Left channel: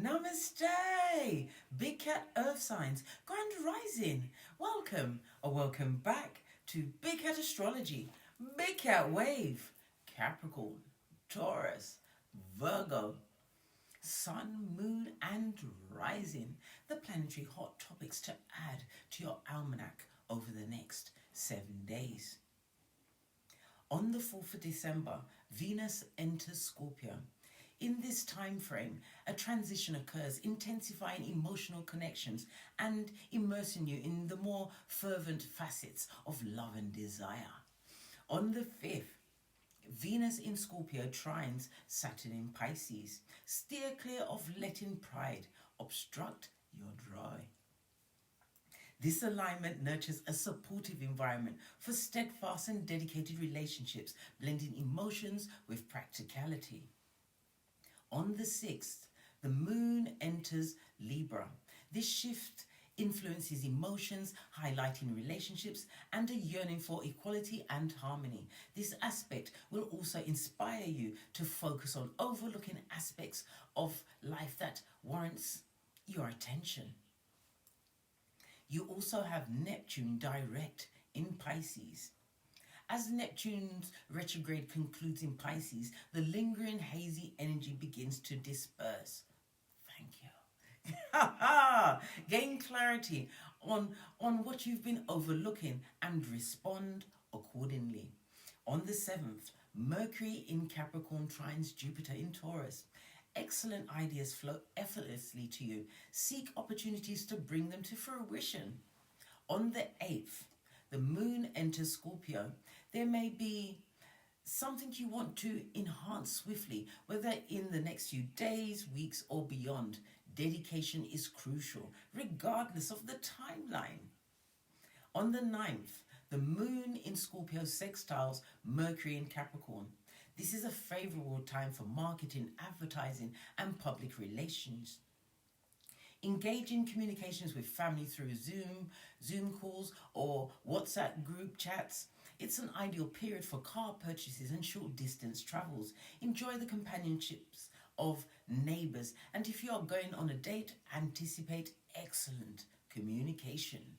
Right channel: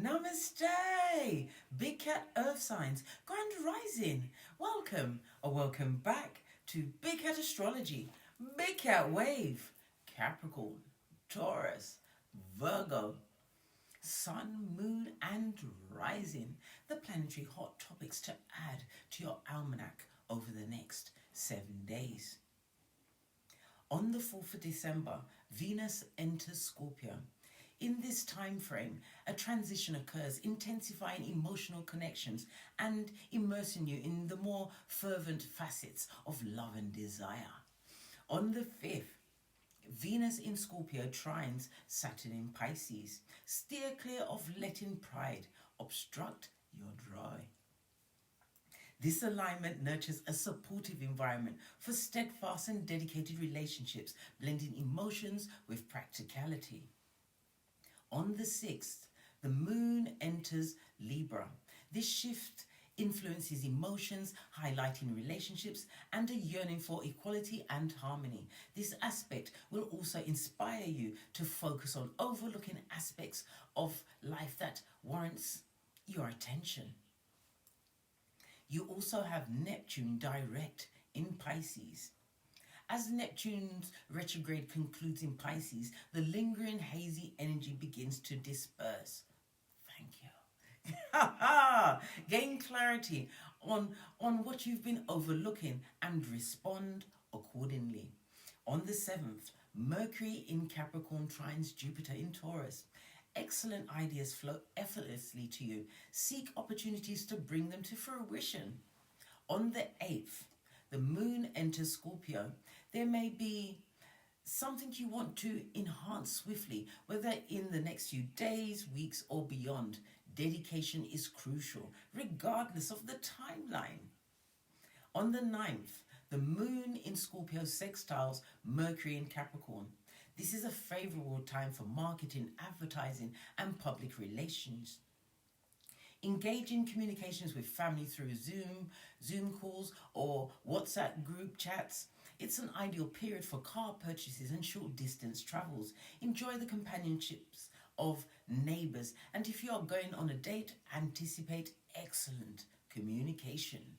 Namaste, Big Cat Earth Signs, Grand Rising. Welcome or welcome back to Big Cat Astrology, Big Cat Wave, Capricorn, Taurus, Virgo, Sun, Moon and Rising. The planetary hot topics to add to your almanac over the next 7 days. On the 4th of December, Venus enters Scorpio. In this time frame, a transition occurs, intensifying emotional connections and immersing you in the more fervent facets of love and desire. On the 5th, Venus in Scorpio trines Saturn in Pisces. Steer clear of letting pride obstruct your joy. This alignment nurtures a supportive environment for steadfast and dedicated relationships, blending emotions with practicality. On the 6th, the moon enters Libra. This shift influences emotions, highlighting relationships and a yearning for equality and harmony. This aspect will also inspire you to focus on overlooking aspects of life that warrants your attention. You also have Neptune direct in Pisces. As Neptune's retrograde concludes in Pisces, the lingering hazy energy begins to disperse. Thank you. Gain clarity on what you've been overlooking and respond accordingly. On the 7th, Mercury in Capricorn trines Jupiter in Taurus. Excellent ideas flow effortlessly to you. Seek opportunities to bring them to fruition. On the 8th, the moon enters Scorpio. There may be something you want to enhance swiftly, whether in the next few days, weeks, or beyond. Dedication is crucial, regardless of the timeline. On the 9th, the moon in Scorpio sextiles Mercury in Capricorn. This is a favorable time for marketing, advertising, and public relations. Engage in communications with family through Zoom calls, or WhatsApp group chats. It's an ideal period for car purchases and short distance travels. Enjoy the companionships of neighbors, and if you are going on a date, anticipate excellent communication.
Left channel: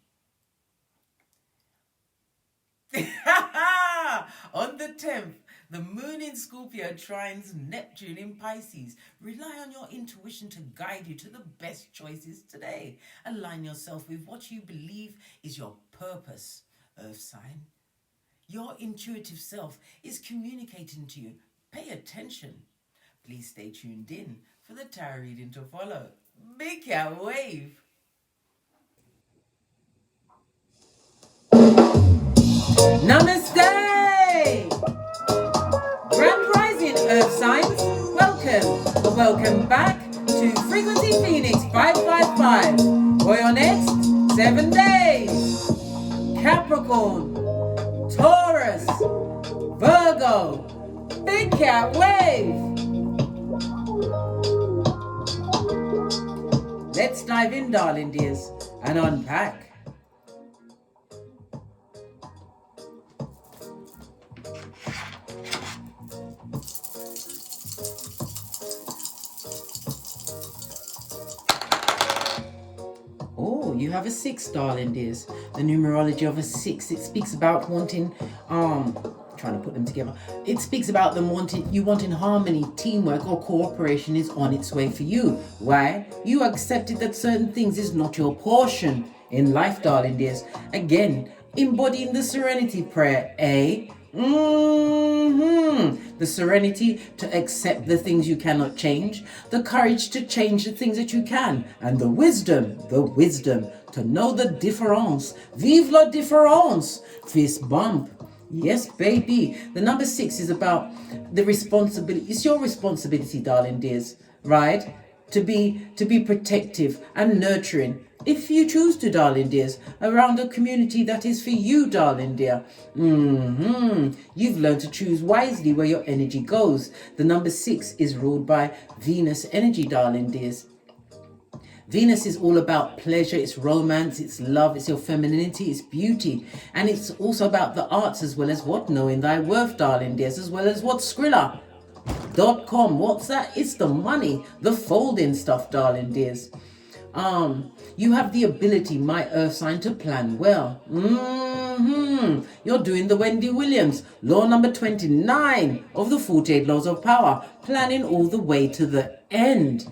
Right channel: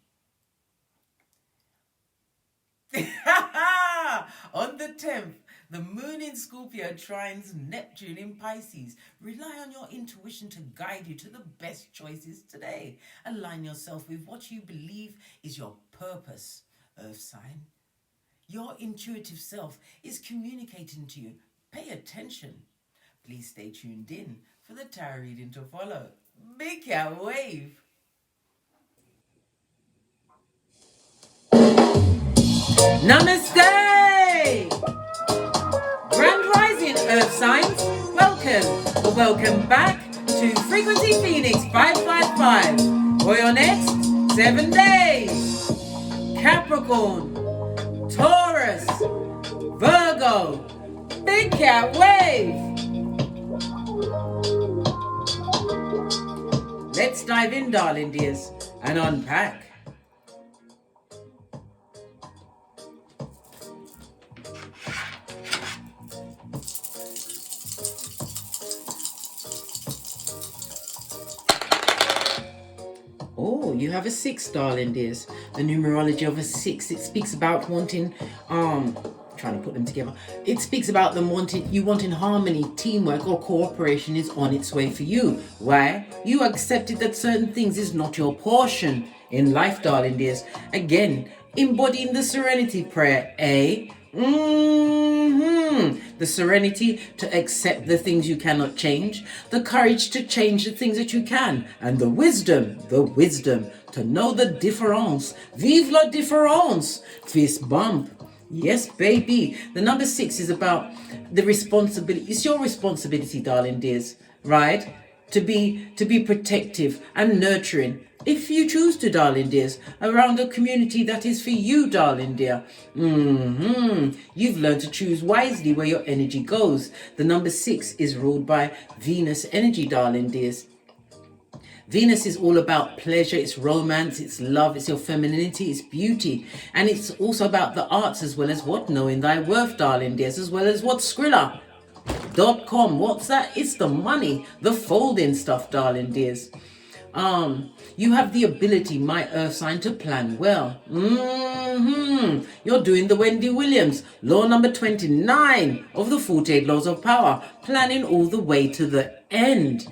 On the 10th, the moon in Scorpio trines Neptune in Pisces. Rely on your intuition to guide you to the best choices today. Align yourself with what you believe is your purpose, Earth sign. Your intuitive self is communicating to you. Pay attention. Please stay tuned in for the tarot reading to follow. Big Cat Wave. Namaste! Grand Rising Earth Signs, welcome back to Frequency Phoenix 555 for your next 7 days. Capricorn, Taurus, Virgo, Big Cat Wave. Let's dive in, darling dears, and unpack. Oh, you have a 6, darling dears. The numerology of a 6, it speaks about wanting, trying to put them together. It speaks about them wanting harmony, teamwork, or cooperation is on its way for you. Why? You accepted that certain things is not your portion in life, darling dears. Again, embodying the serenity prayer, eh? The serenity to accept the things you cannot change, the courage to change the things that you can, and the wisdom to know the difference. Vive la différence. Fist bump. Yes, baby. The number 6 is about the responsibility. It's your responsibility, darling dears, right? To be protective and nurturing, if you choose to, darling dears, around a community that is for you, darling dear. You've learned to choose wisely where your energy goes. The number 6 is ruled by Venus energy, darling dears. Venus is all about pleasure, it's romance, it's love, it's your femininity, it's beauty. And it's also about the arts as well as what? Knowing thy worth, darling dears, as well as what? Skrilla. .com. What's that? It's the money, the folding stuff, darling dears. You have the ability, my earth sign, to plan well. You're doing the Wendy Williams, law number 29 of the 48 laws of power, planning all the way to the end.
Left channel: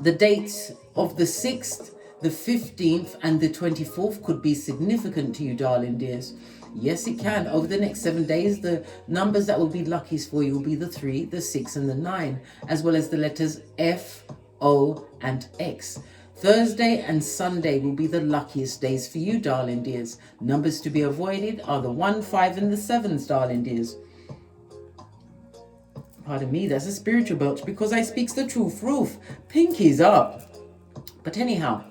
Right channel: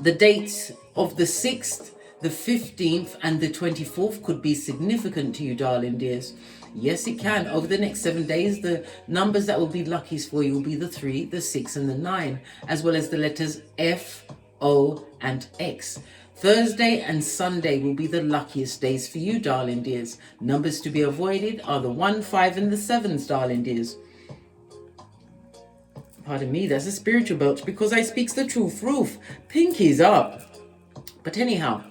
The dates of the 6th, the 15th, and the 24th could be significant to you, darling dears. Yes, it can. Over the next 7 days, the numbers that will be luckiest for you will be the 3, the 6, and the 9, as well as the letters F, O, and X. Thursday and Sunday will be the luckiest days for you, darling dears. Numbers to be avoided are the 1, 5, and the 7s, darling dears. Pardon me, that's a spiritual belch because I speaks the truth. Roof, pinkies up. But anyhow,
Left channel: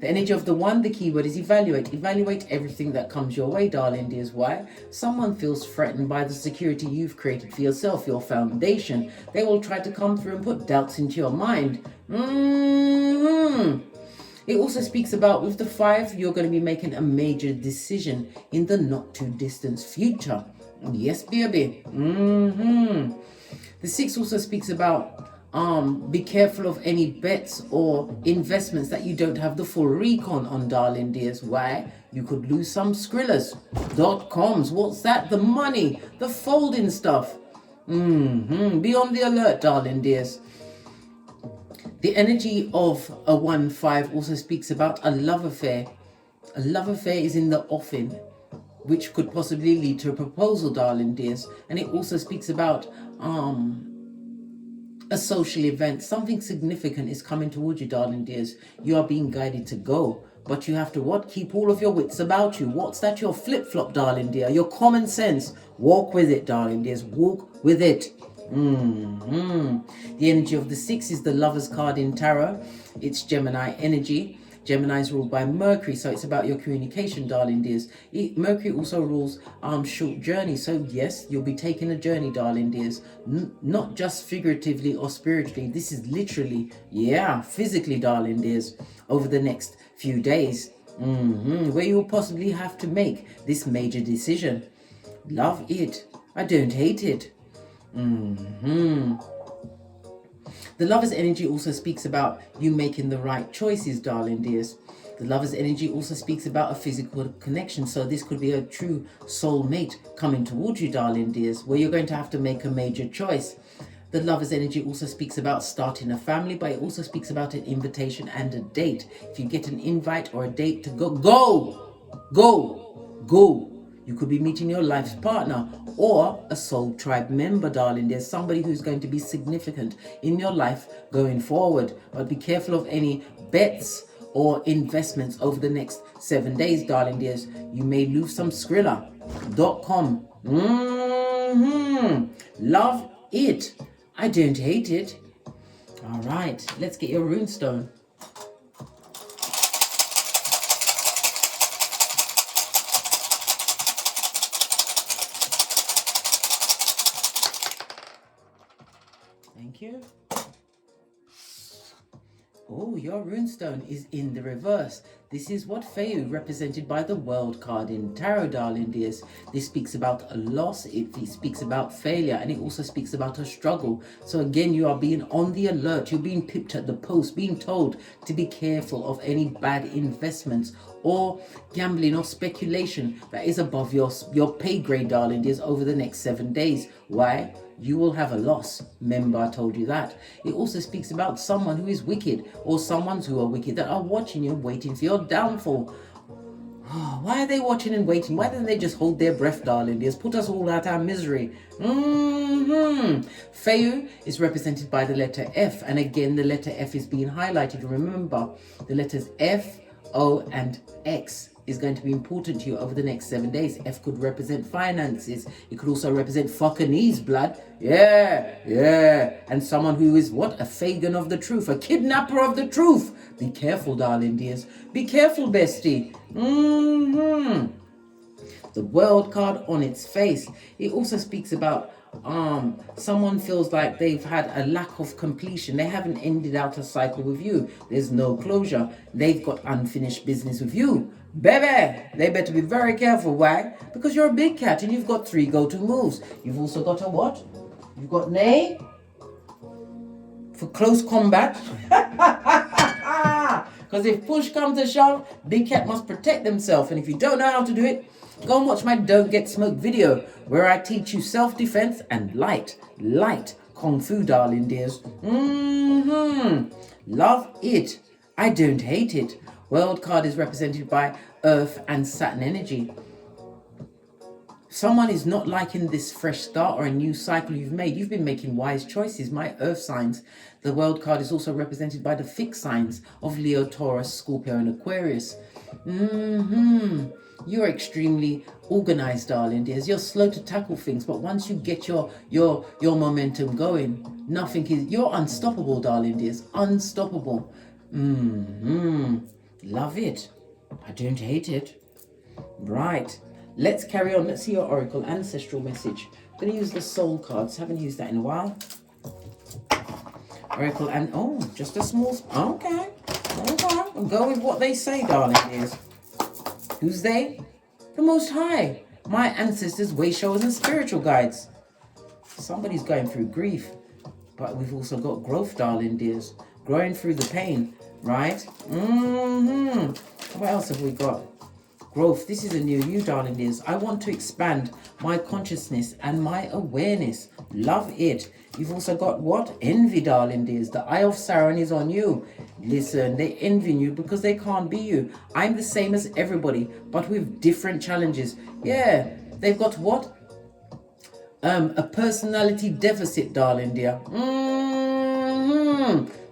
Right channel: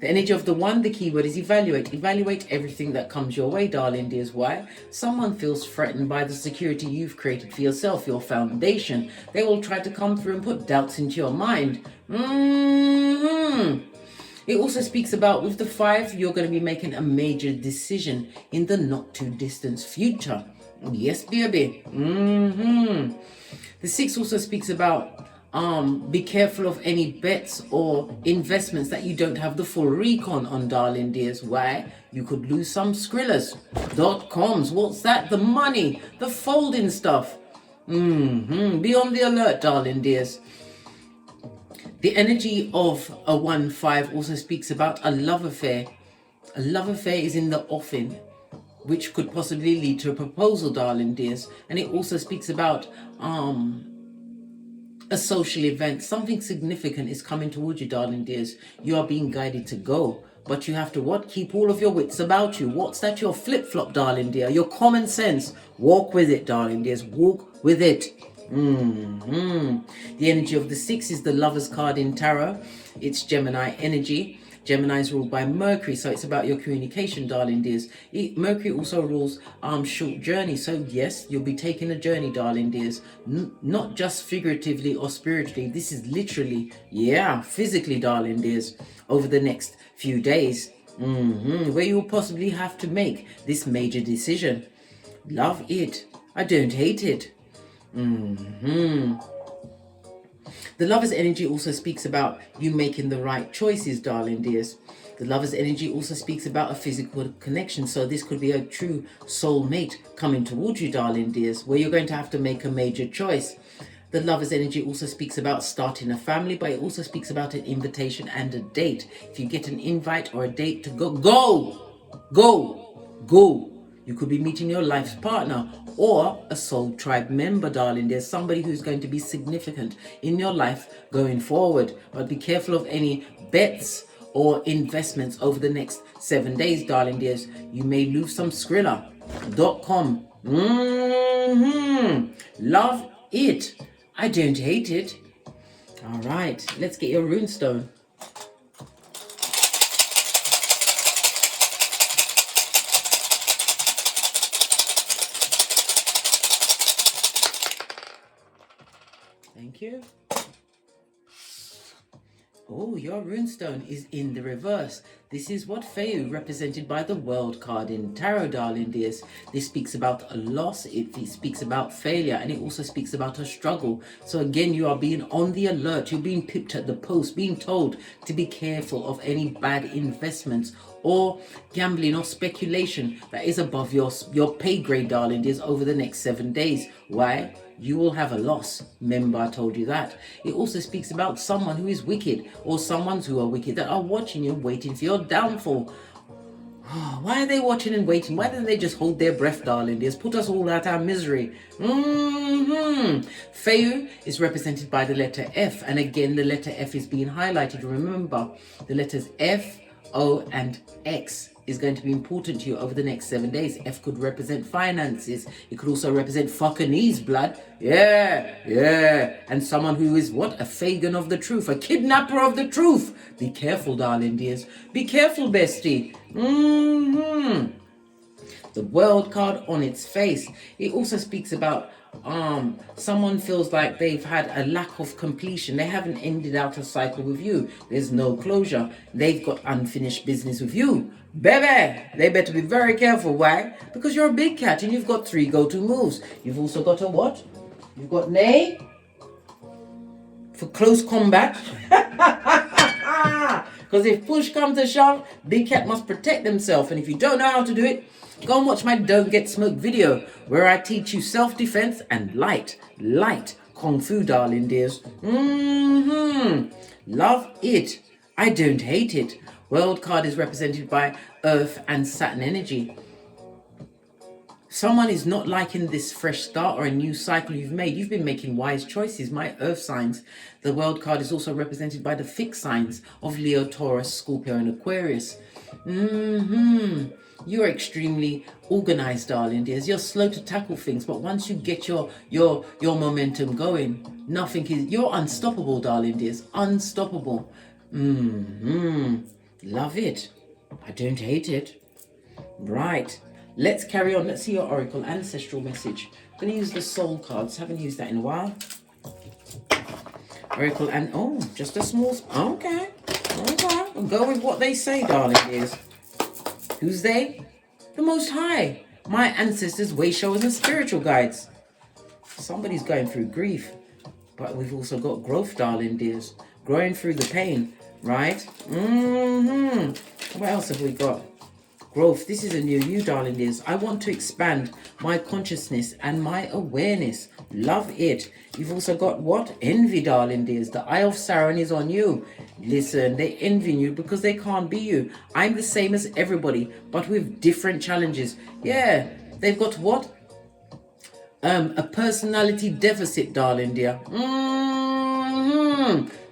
the energy of the 1, the keyword is evaluate. Evaluate everything that comes your way, darling dears. Why? Someone feels threatened by the security you've created for yourself, your foundation. They will try to come through and put doubts into your mind. It also speaks about, with the 5, you're going to be making a major decision in the not too distant future. Yes, baby. The 6 also speaks about be careful of any bets or investments that you don't have the full recon on, darling dears. Why? You could lose some Skrillers. .coms. What's that? The money, the folding stuff. Be on the alert, darling dears. The energy of a 1-5 also speaks about a love affair. A love affair is in the offing, which could possibly lead to a proposal, darling dears. And it also speaks about a social event. Something significant is coming towards you, darling dears. You are being guided to go, but you have to what? Keep all of your wits about you. What's that? Your flip-flop, darling dear. Your common sense. Walk with it, darling dears. Walk with it. The energy of the 6 is the Lover's card in Tarot. It's Gemini energy. Gemini is ruled by Mercury, so it's about your communication, darling dears. Mercury also rules short journeys, so yes, you'll be taking a journey, darling dears. Not just figuratively or spiritually. This is literally, physically, darling dears, over the next few days, where you'll possibly have to make this major decision. Love it. I don't hate it. The Lover's energy also speaks about you making the right choices, darling dears. The Lover's energy also speaks about a physical connection. So this could be a true soulmate coming towards you, darling dears, where you're going to have to make a major choice. The Lover's energy also speaks about starting a family, but it also speaks about an invitation and a date. If you get an invite or a date to go, go. You could be meeting your life's partner or a soul tribe member, darling. There's somebody who's going to be significant in your life going forward. But be careful of any bets or investments over the next 7 days, darling dears. You may lose some Skrilla.com. Love it. I don't hate it. All right, let's get your runestone. Thank you. Oh, your runestone is in the reverse. This is what Feu, represented by the World card in Tarot, darling dears. This speaks about a loss, it speaks about failure, and it also speaks about a struggle. So again, you are being on the alert. You're being pipped at the post, being told to be careful of any bad investments or gambling or speculation that is above your pay grade, darling dears, over the next 7 days. Why? You will have a loss. Remember, I told you that. It also speaks about someone who is wicked or someone who are wicked that are watching you, waiting for your downfall. Why are they watching and waiting? Why don't they just hold their breath, darling dears? Put us all out our misery. Feu is represented by the letter F. And again, the letter F is being highlighted. Remember, the letters F, O, and X is going to be important to you over the next 7 days. F could represent finances. It could also represent fucking blood. Yeah. And someone who is what? A Fagin of the truth. A kidnapper of the truth. Be careful, darling dears. Be careful, bestie. The World card on its face. It also speaks about someone feels like they've had a lack of completion. They haven't ended out a cycle with you. There's no closure. They've got unfinished business with you. Baby, they better be very careful. Why? Because you're a big cat and you've got 3 go-to moves. You've also got a what? You've got nay for close combat. Because if push comes to shove, big cat must protect themselves. And if you don't know how to do it, go and watch my Don't Get Smoked video, where I teach you self-defense and light kung fu, darling dears. Love it. I don't hate it. World card is represented by Earth and Saturn energy. Someone is not liking this fresh start or a new cycle you've made. You've been making wise choices, my Earth signs. The world card is also represented by the fixed signs of Leo, Taurus, Scorpio, and Aquarius. You're extremely organized, darling dears. You're slow to tackle things, but once you get your momentum going, you're unstoppable, darling dears. Unstoppable. Love it. I don't hate it. Right. Let's carry on. Let's see your oracle ancestral message. I'm going to use the soul cards. Haven't used that in a while. Oracle and just a small. Okay. I'll go with what they say, darling dears. Who's they? The Most High. My ancestors, way showers, and spiritual guides. Somebody's going through grief, but we've also got growth, darling dears. Growing through the pain, right? What else have we got? Growth. This is a new you, darling dears. I want to expand my consciousness and my awareness. Love it. You've also got what? Envy, darling dears. The eye of Sauron is on you. Listen, they envy you because they can't be you. I'm the same as everybody, but with different challenges. Yeah, they've got what? A personality deficit, darling dear.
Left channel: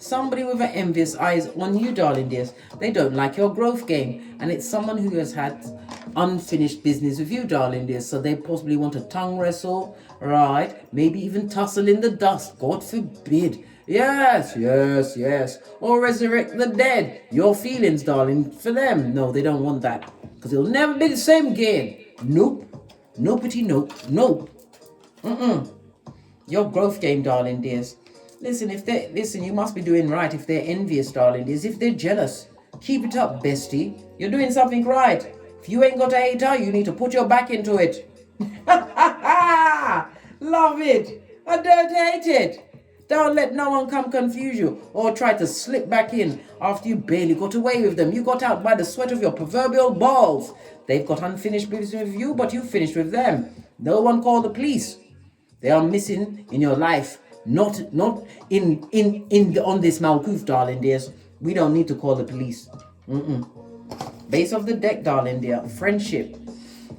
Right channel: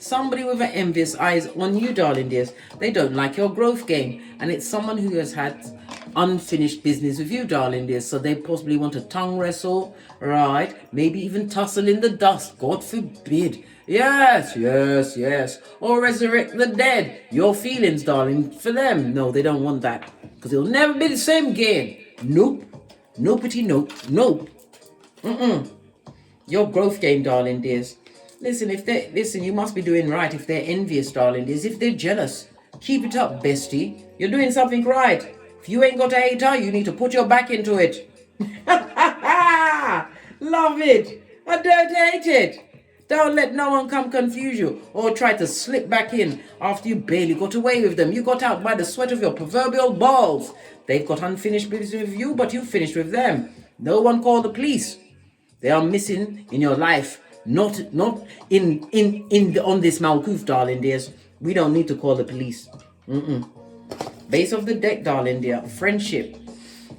Somebody with an envious eyes on you, darling dears. They don't like your growth game, and it's someone who has had unfinished business with you, darling dears. So they possibly want to tongue wrestle, right? Maybe even tussle in the dust. God forbid. Yes. Or resurrect the dead. Your feelings, darling, for them. No, they don't want that, because it'll never be the same again. Nope. Nopety nope. Your growth game, darling dears. Listen, you must be doing right if they're envious, darling dears. If they're jealous, keep it up, bestie. You're doing something right. If you ain't got a hater, you need to put your back into it. Love it. I don't hate it. Don't let no one come confuse you or try to slip back in after you barely got away with them. You got out by the sweat of your proverbial balls. They've got unfinished business with you, but you finished with them. No one called the police. They are missing in your life. Not on this Malkuth, darling dears. We don't need to call the police. Base of the deck, darling dear. Friendship.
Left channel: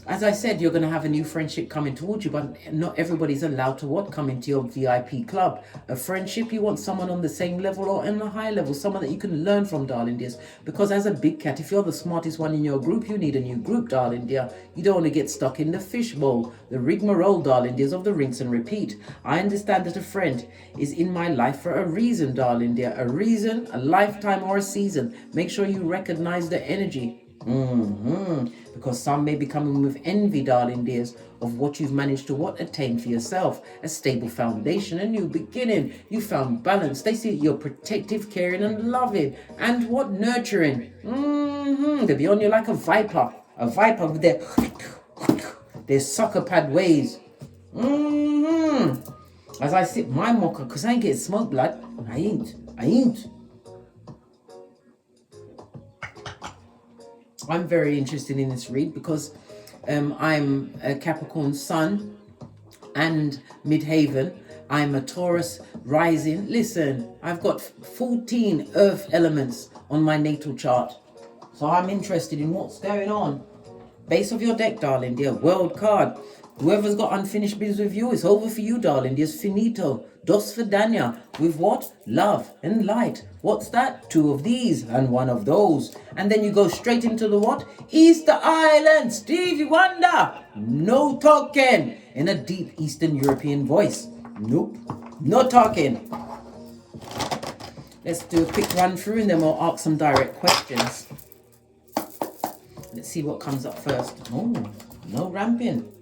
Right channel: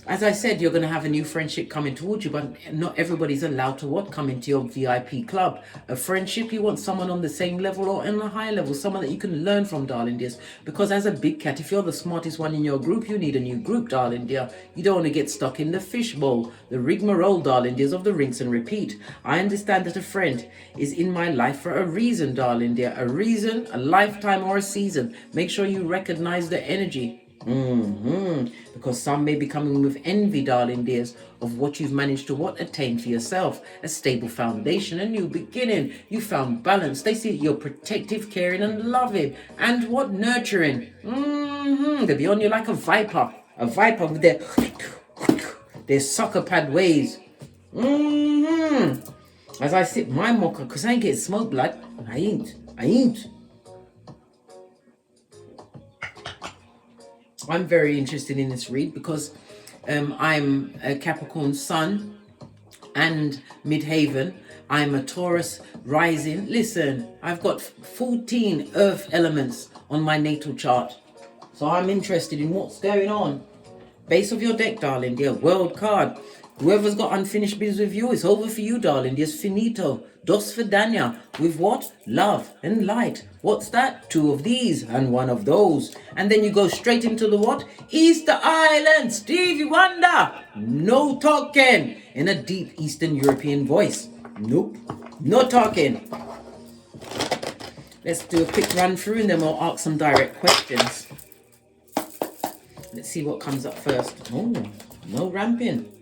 As I said, you're going to have a new friendship coming towards you, but not everybody's allowed to come into your VIP club. A friendship, you want someone on the same level or in a high level, someone that you can learn from, darling dears. Because as a big cat, if you're the smartest one in your group, you need a new group, darling dear. You don't want to get stuck in the fishbowl, the rigmarole, darling dears, of the rinse and repeat. I understand that a friend is in my life for a reason, darling dear. A reason, a lifetime, or a season. Make sure you recognize the energy. Because some may be coming with envy, darling dears, of what you've managed to attain for yourself. A stable foundation, a new beginning. You found balance. They see you're protective, caring, and loving, and nurturing. They'll be on you like a viper with their sucker pad ways. As I sip my mocha, because I ain't getting smoke blood. I ain't. I'm very interested in this read because I'm a Capricorn Sun and Midhaven. I'm a Taurus rising. Listen, I've got 14 earth elements on my natal chart. So I'm interested in what's going on. Base of your deck, darling dear. World card. Whoever's got unfinished business with you, it's over for you, darling dear. Finito. Dos Vidania. With what? Love and light. What's that? 2 of these and 1 of those. And then you go straight into the what? Easter Island. Stevie Wonder. No talking. In a deep Eastern European voice. Nope. No talking. Let's do a quick run through and then we'll ask some direct questions. Let's see what comes up first. Oh, no ramping.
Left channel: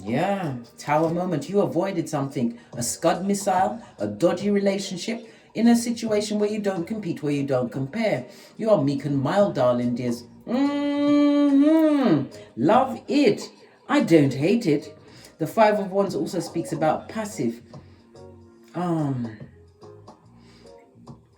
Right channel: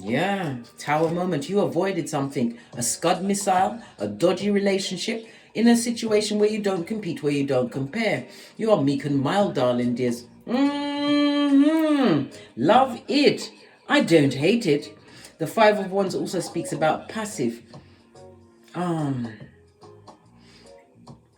Yeah, tower moment. You avoided something. A Scud missile, a dodgy relationship, in a situation where you don't compete, where you don't compare. You are meek and mild, darling dears. Love it. I don't hate it. The Five of Wands also speaks about passive.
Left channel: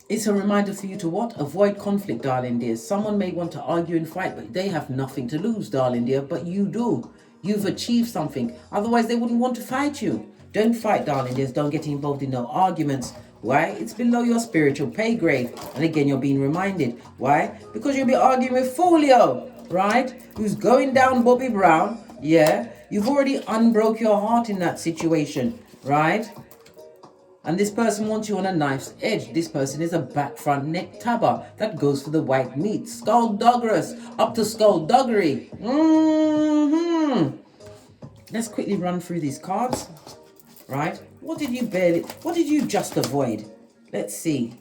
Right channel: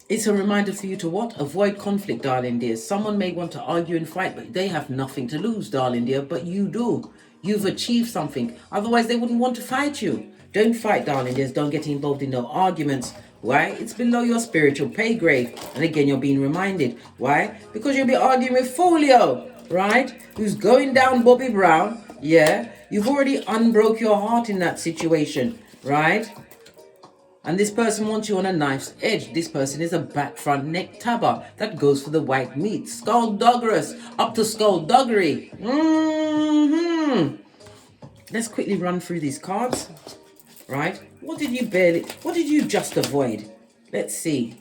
It's a reminder for you to what? Avoid conflict, darling dear. Someone may want to argue and fight, but they have nothing to lose, darling dear. But you do. You've achieved something. Otherwise, they wouldn't want to fight you. Don't fight, darling dears. Don't get involved in no arguments. Why? It's below your spiritual pay grade. And again, you're being reminded. Why? Because you'll be arguing with Folio, right? Who's going down Bobby Brown. Yeah. You've already unbroke your heart in that situation, right? And this person wants you on a knife's edge. This person is a back front neck tabber. That goes for the white meat. Skullduggerous. Up to skullduggery. Let's quickly run through these cards. Right? What did you just avoid? Let's see.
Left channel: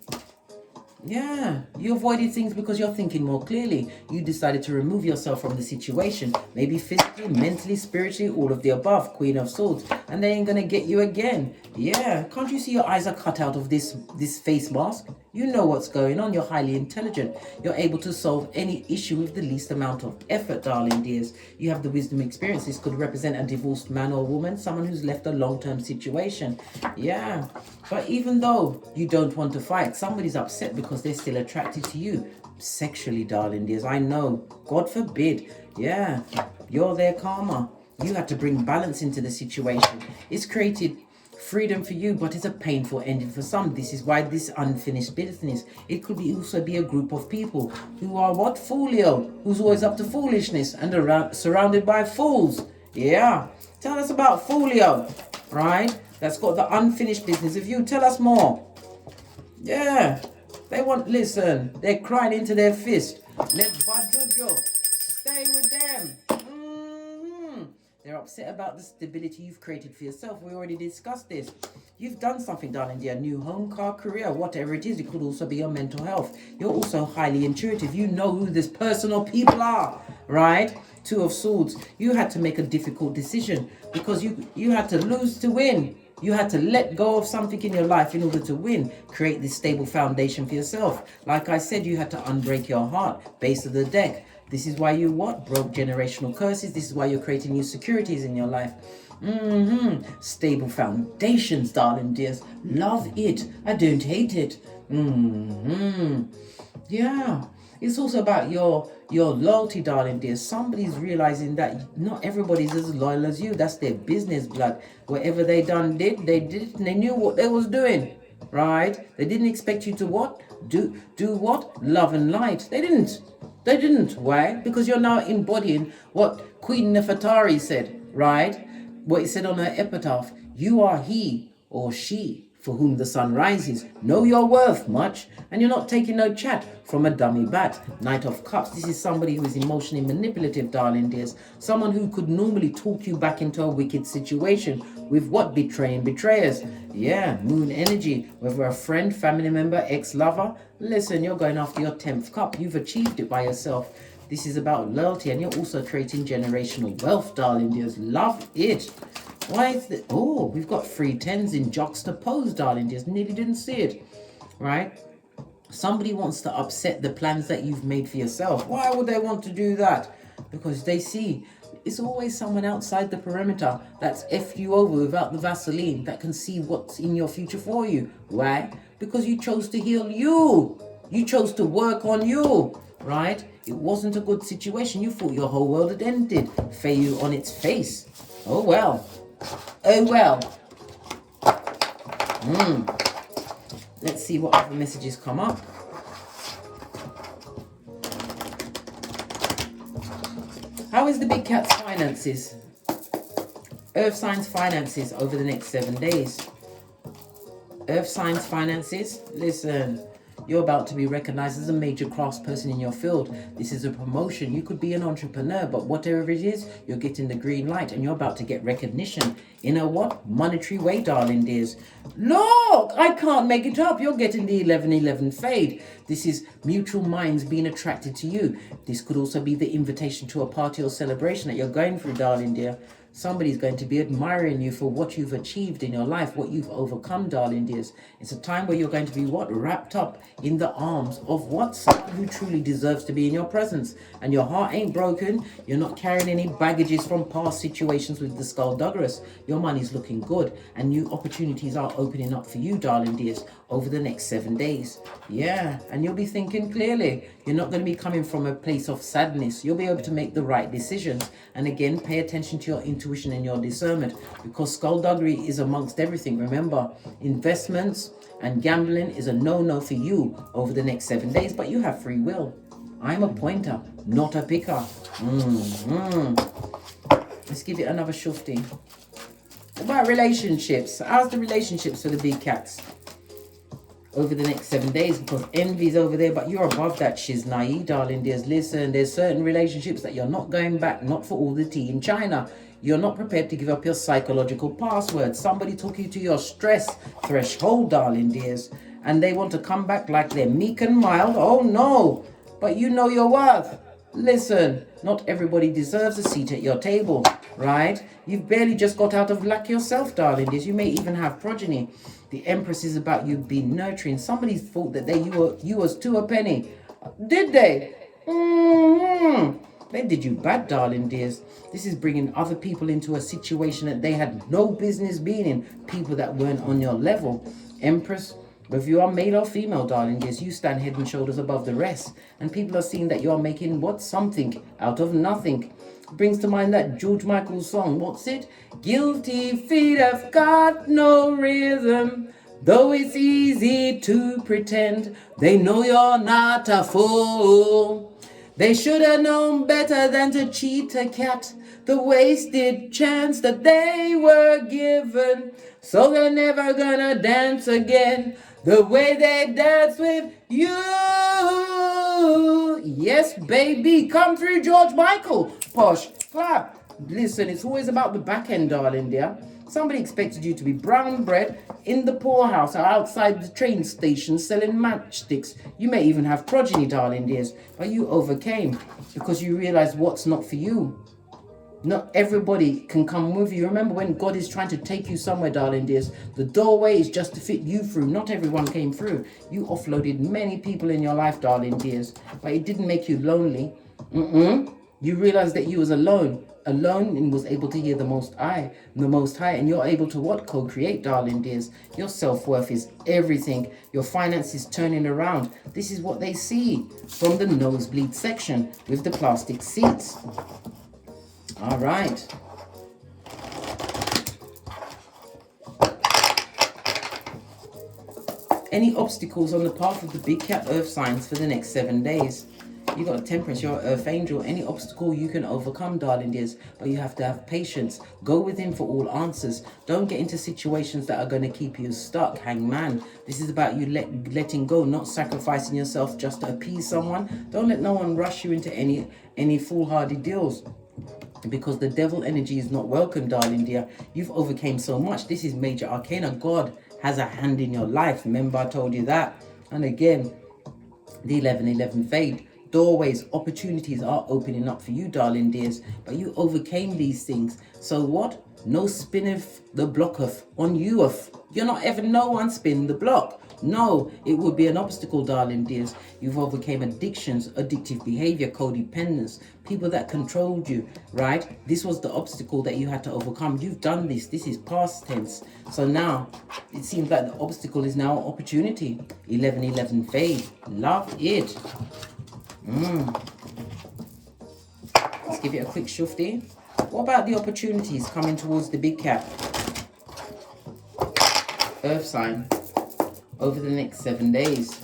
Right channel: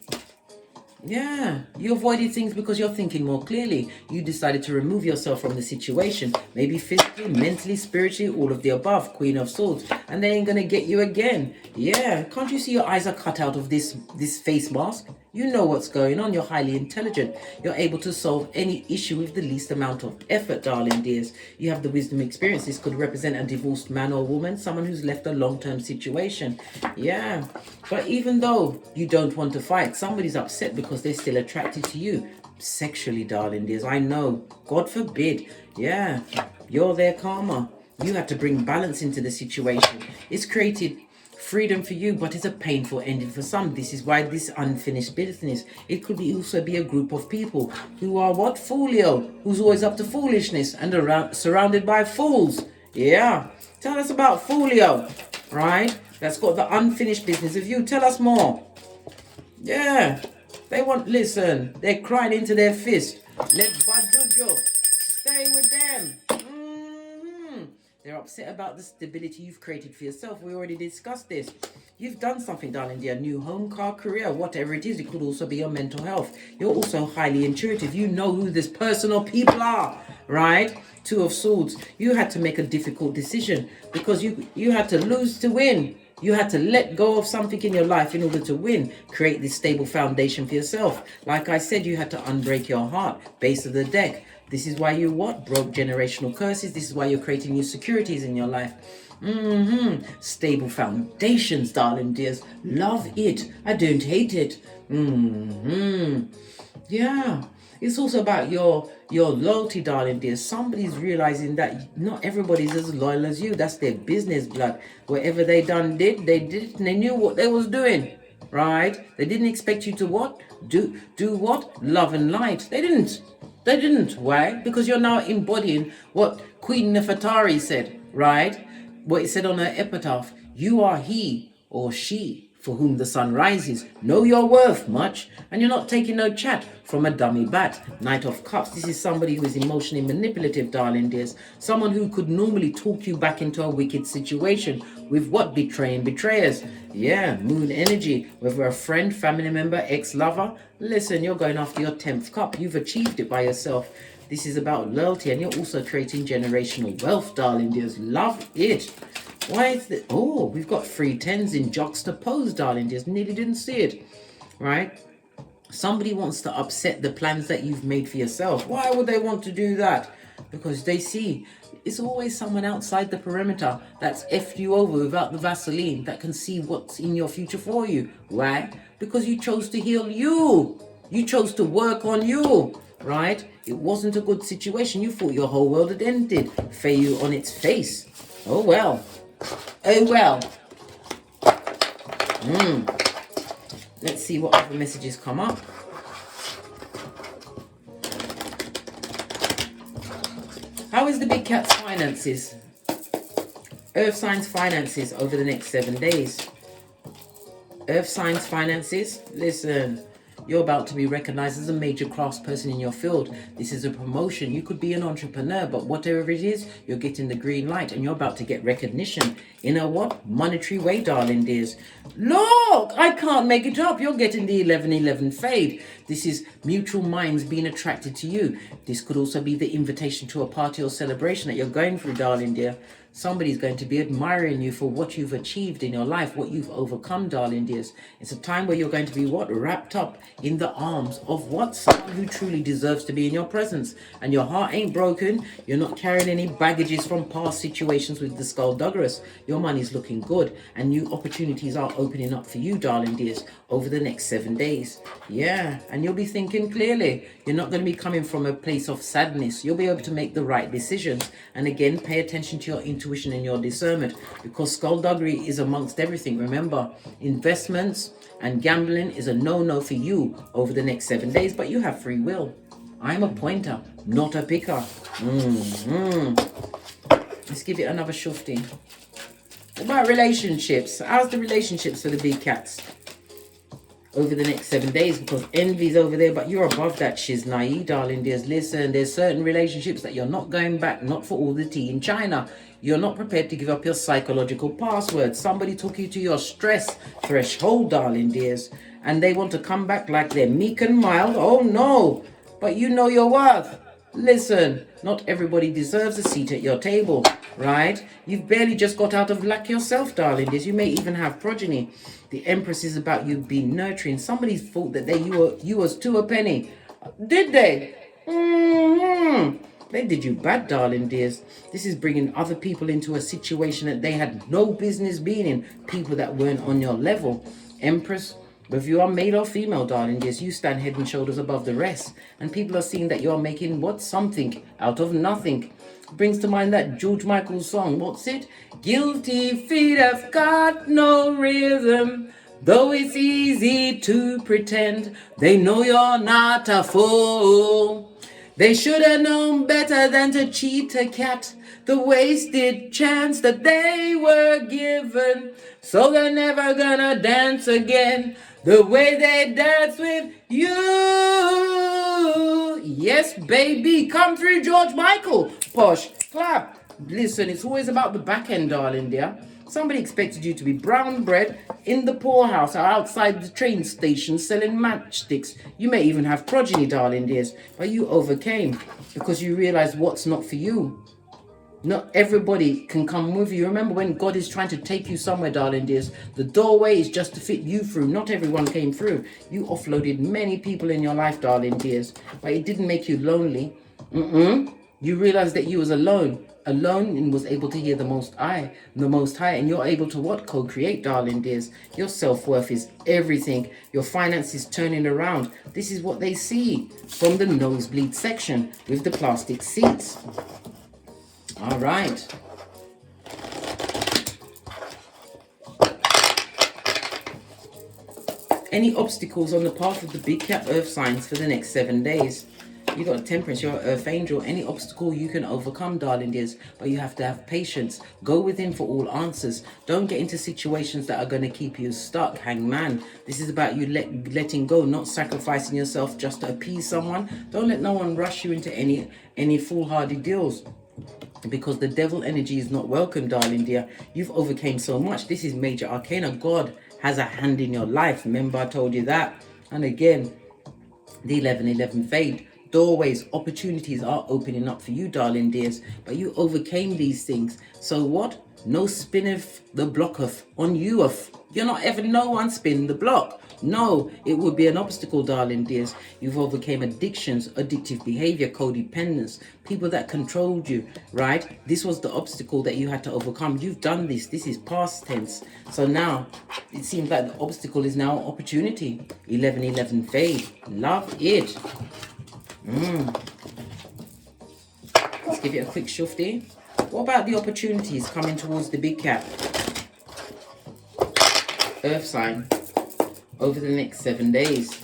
Yeah, you avoided things because you're thinking more clearly. You decided to remove yourself from the situation. Maybe physically, mentally, spiritually, all of the above. Queen of Swords. And they ain't going to get you again. Yeah, can't you see your eyes are cut out of this face mask? You know what's going on. You're highly intelligent. You're able to solve any issue with the least amount of effort, darling dears. You have the wisdom experience. This could represent a divorced man or woman, someone who's left a long-term situation. Yeah, but even though you don't want to fight, somebody's upset because they're still attracted to you. Sexually, darling dears. I know. God forbid. Yeah, you're their karma. You had to bring balance into the situation. It's created freedom for you, but it's a painful ending for some. This is why this unfinished business. It could also be a group of people who are what? Folio, who's always up to foolishness and surrounded by fools. Yeah. Tell us about Folio, right? That's got the unfinished business of you. Tell us more. Yeah. They want, listen, they're crying into their fist. Let Badujo stay with them. They're upset about the stability you've created for yourself. We already discussed this. You've done something, darling dear. New home, car, career, whatever it is. It could also be your mental health. You're also highly intuitive. You know who this person or people are, right? Two of Swords. You had to make a difficult decision because you had to lose to win. You had to let go of something in your life in order to win. Create this stable foundation for yourself. Like I said, you had to unbreak your heart. Base of the deck. This is why you what? Broke generational curses. This is why you're creating new securities in your life. Stable foundations, darling dears. Love it. I don't hate it. Yeah. It's also about your loyalty, darling dears. Somebody's realizing that not everybody's as loyal as you. That's their business, blood. Whatever they did, they knew what they was doing. Right? They didn't expect you to what? Do what? Love and light. They didn't. Why? Because you're now embodying what Queen Nefertari said, right? What it said on her epitaph. You are he or she for whom the sun rises. Know your worth much, and you're not taking no chat from a dummy bat. Knight of Cups. This is somebody who is emotionally manipulative, darling dears. Someone who could normally talk you back into a wicked situation with what? Betraying betrayers. Yeah, moon energy. Whether a friend, family member, ex-lover. Listen, you're going after your 10th cup. You've achieved it by yourself. This is about loyalty, and you're also creating generational wealth, darling dears. Love it. Why is it? Oh, we've got 3 10s in juxtaposed, darling dears. Nearly didn't see it, right? Somebody wants to upset the plans that you've made for yourself. Why would they want to do that? Because they see it's always someone outside the perimeter that's effed you over without the Vaseline that can see what's in your future for you. Why? Because you chose to heal you. You chose to work on you, right? It wasn't a good situation. You thought your whole world had ended. Fail on its face. Oh well. Oh well. Let's see what other messages come up. How is the big cat's finances? Earth signs finances over the next 7 days. Earth signs finances. Listen, you're about to be recognized as a major craftsperson in your field. This is a promotion. You could be an entrepreneur, but whatever it is, you're getting the green light and you're about to get recognition in a what? Monetary way, darling dears. Look, I can't make it up. You're getting the 11-11 fade. This is mutual minds being attracted to you. This could also be the invitation to a party or celebration that you're going through, darling dear. Somebody's going to be admiring you for what you've achieved in your life, what you've overcome, darling dears. It's a time where you're going to be wrapped up in the arms of someone who truly deserves to be in your presence. And your heart ain't broken. You're not carrying any baggages from past situations with the skullduggerous. Your money's looking good, and new opportunities are opening up for you, darling dears, over the next 7 days. Yeah, and you'll be thinking clearly. You're not going to be coming from a place of sadness. You'll be able to make the right decisions. And again, pay attention to your intuition and your discernment, because skullduggery is amongst everything. Remember, investments and gambling is a no-no for you over the next 7 days, but you have free will. I'm a pointer, not a picker. Let's give it another shufti. What about relationships? How's the relationships for the big cats over the next 7 days? Because envy's over there, but you're above that shiznai, darling. There's certain relationships that you're not going back, not for all the tea in China. You're not prepared to give up your psychological password. Somebody took you to your stress threshold, darling dears, and they want to come back like they're meek and mild. Oh no, but you know your worth. Listen, not everybody deserves a seat at your table, right? You've barely just got out of luck yourself, darling dears. You may even have progeny. The Empress is about you being nurturing. Somebody thought that you was to a penny. Did they? They did you bad, darling dears. This is bringing other people into a situation that they had no business being in. People that weren't on your level. Empress, whether you are male or female, darling dears, you stand head and shoulders above the rest. And people are seeing that you're making something out of nothing. Brings to mind that George Michael song. What's it? Guilty feet have got no rhythm. Though it's easy to pretend, they know you're not a fool. They should have known better than to cheat a cat, the wasted chance that they were given. So they're never gonna dance again the way they dance with you. Yes, baby, come through, George Michael. Posh, clap. Listen, it's always about the back end, darling dear. Somebody expected you to be brown bread in the poorhouse or outside the train station selling matchsticks. You may even have progeny, darling dears, but you overcame because you realized what's not for you. Not everybody can come with you. Remember, when God is trying to take you somewhere, darling dears, the doorway is just to fit you through. Not everyone came through. You offloaded many people in your life, darling dears, but it didn't make you lonely. You realized that you was alone and was able to hear the Most High, and you're able to co-create, darling dears. Your self-worth is everything. Your finances turning around. This is what they see from the nosebleed section with the plastic seats. All right. Any obstacles on the path of the big cat earth signs for the next 7 days? You got a Temperance, you're an earth angel. Any obstacle you can overcome, darling dears, but you have to have patience. Go within for all answers. Don't get into situations that are going to keep you stuck, hangman. This is about you letting go, not sacrificing yourself just to appease someone. Don't let no one rush you into any foolhardy deals, because the devil energy is not welcome, darling dear. You've overcame so much. This is major arcana. God has a hand in your life. Remember, I told you that. And again, the 11-11 fade. Doorways, opportunities are opening up for you, darling dears, but you overcame these things. So what? No spinneth the blocketh on you. You're not ever no one spin the block. No, it would be an obstacle, darling dears. You've overcame addictions, addictive behavior, codependence, people that controlled you, right? This was the obstacle that you had to overcome. You've done this. This is past tense. So now it seems like the obstacle is now opportunity. 11-11 fade. Love it. Let's give it a quick shufti. What about the opportunities coming towards the big cat earth sign over the next 7 days?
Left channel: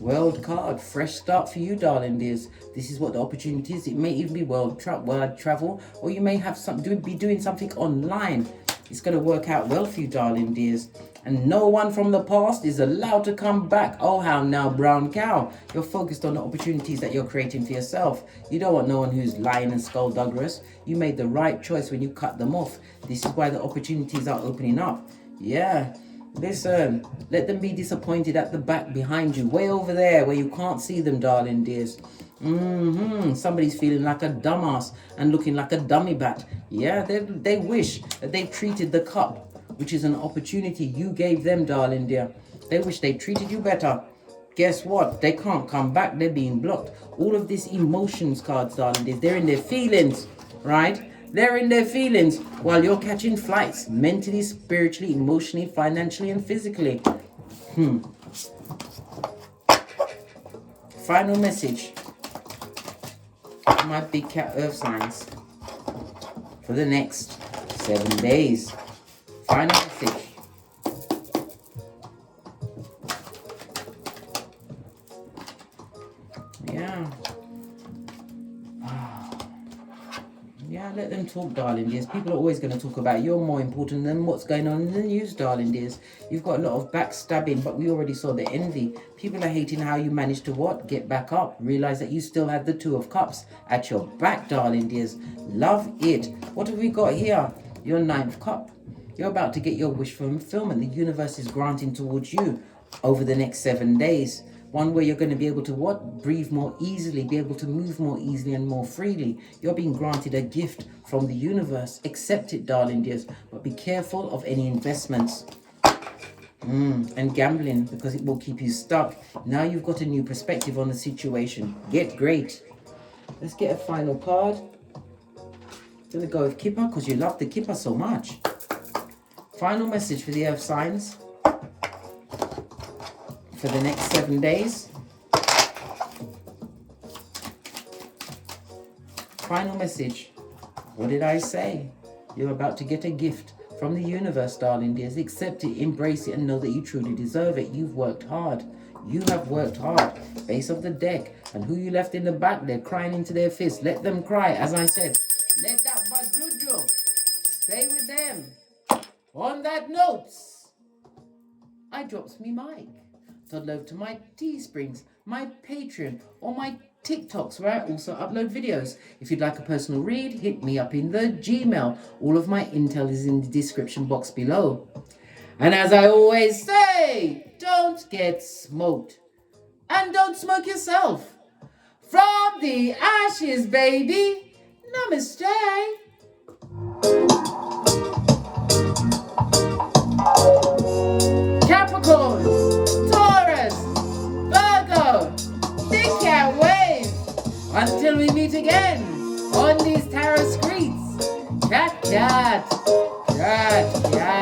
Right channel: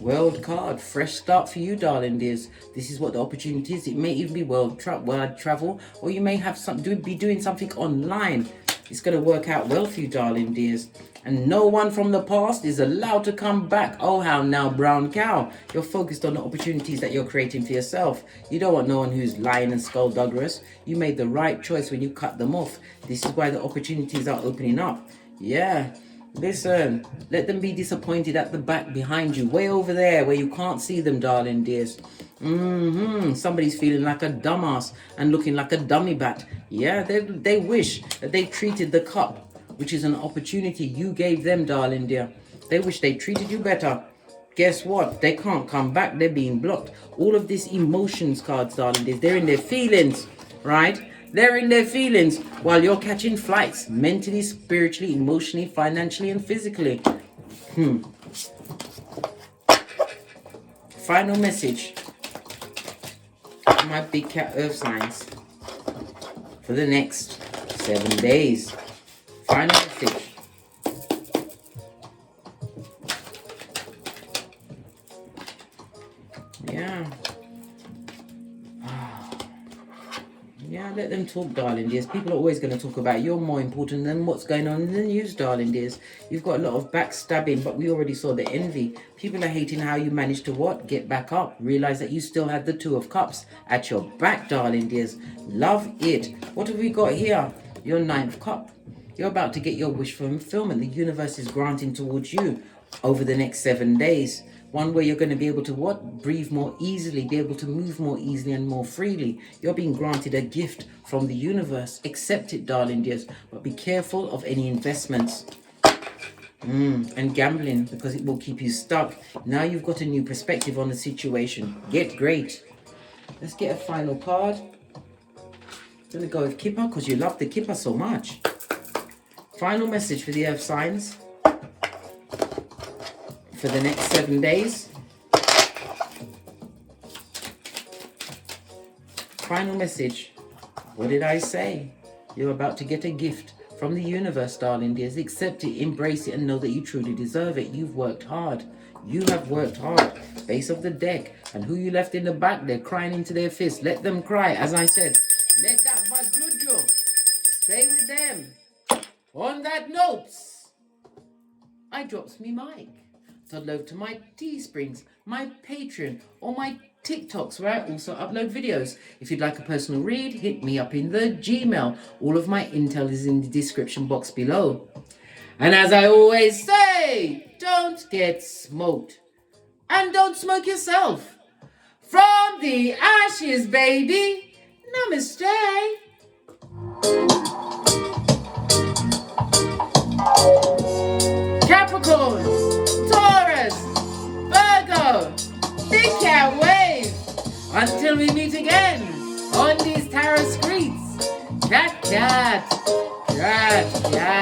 World card, fresh start for you, darling dears. This is what the opportunity is. It may even be world travel, or you may have be doing something online. It's going to work out well for you, darling dears. And no one from the past is allowed to come back. Oh, how now, brown cow. You're focused on the opportunities that you're creating for yourself. You don't want no one who's lying and skullduggerous. You made the right choice when you cut them off. This is why the opportunities are opening up. Yeah. Listen, let them be disappointed at the back behind you, way over there where you can't see them, darling dears. Somebody's feeling like a dumbass and looking like a dummy bat. Yeah, they wish that they treated the cup, which is an opportunity you gave them, darling dear. They wish they treated you better. Guess what? They can't come back. They're being blocked. All of this emotions cards, darling dears, they're in their feelings, right? They're in their feelings while you're catching flights mentally, spiritually, emotionally, financially, and physically. Final message for my big cat earth signs for the next 7 days. Final message. Let them talk, darling dears. People are always going to talk about you're more important than what's going on in the news, darling dears. You've got a lot of backstabbing, but we already saw the envy. People are hating how you managed to what? Get back up. Realize that you still had the Two of Cups at your back, darling dears. Love it. What have we got here? Your Ninth Cup. You're about to get your wish fulfillment. The universe is granting towards you over the next 7 days. One where you're going to be able to what? Breathe more easily, be able to move more easily and more freely. You're being granted a gift from the universe. Accept it, darling dears, but be careful of any investments and gambling, because it will keep you stuck. Now you've got a new perspective on the situation. Get great. Let's get a final card. I'm going to go with Kipper because you love the Kipper so much. Final message for the earth signs for the next 7 days. Final message. What did I say? You're about to get a gift from the universe, darling dears. Accept it, embrace it, and know that you truly deserve it. You've worked hard. You have worked hard. Base of the deck. And who you left in the back, they're crying into their fists. Let them cry. As I said, let that bad juju stay with them. On that note, I drops me mic. Toddle over to my Teesprings, my Patreon, or my TikToks, where I also upload videos. If you'd like a personal read, hit me up in the Gmail. All of my intel is in the description box below. And as I always say, don't get smoked. And don't smoke yourself. From the ashes, baby. Namaste. Capricorns. Until we meet again on these tarot streets. Cat, cat, cat, cat.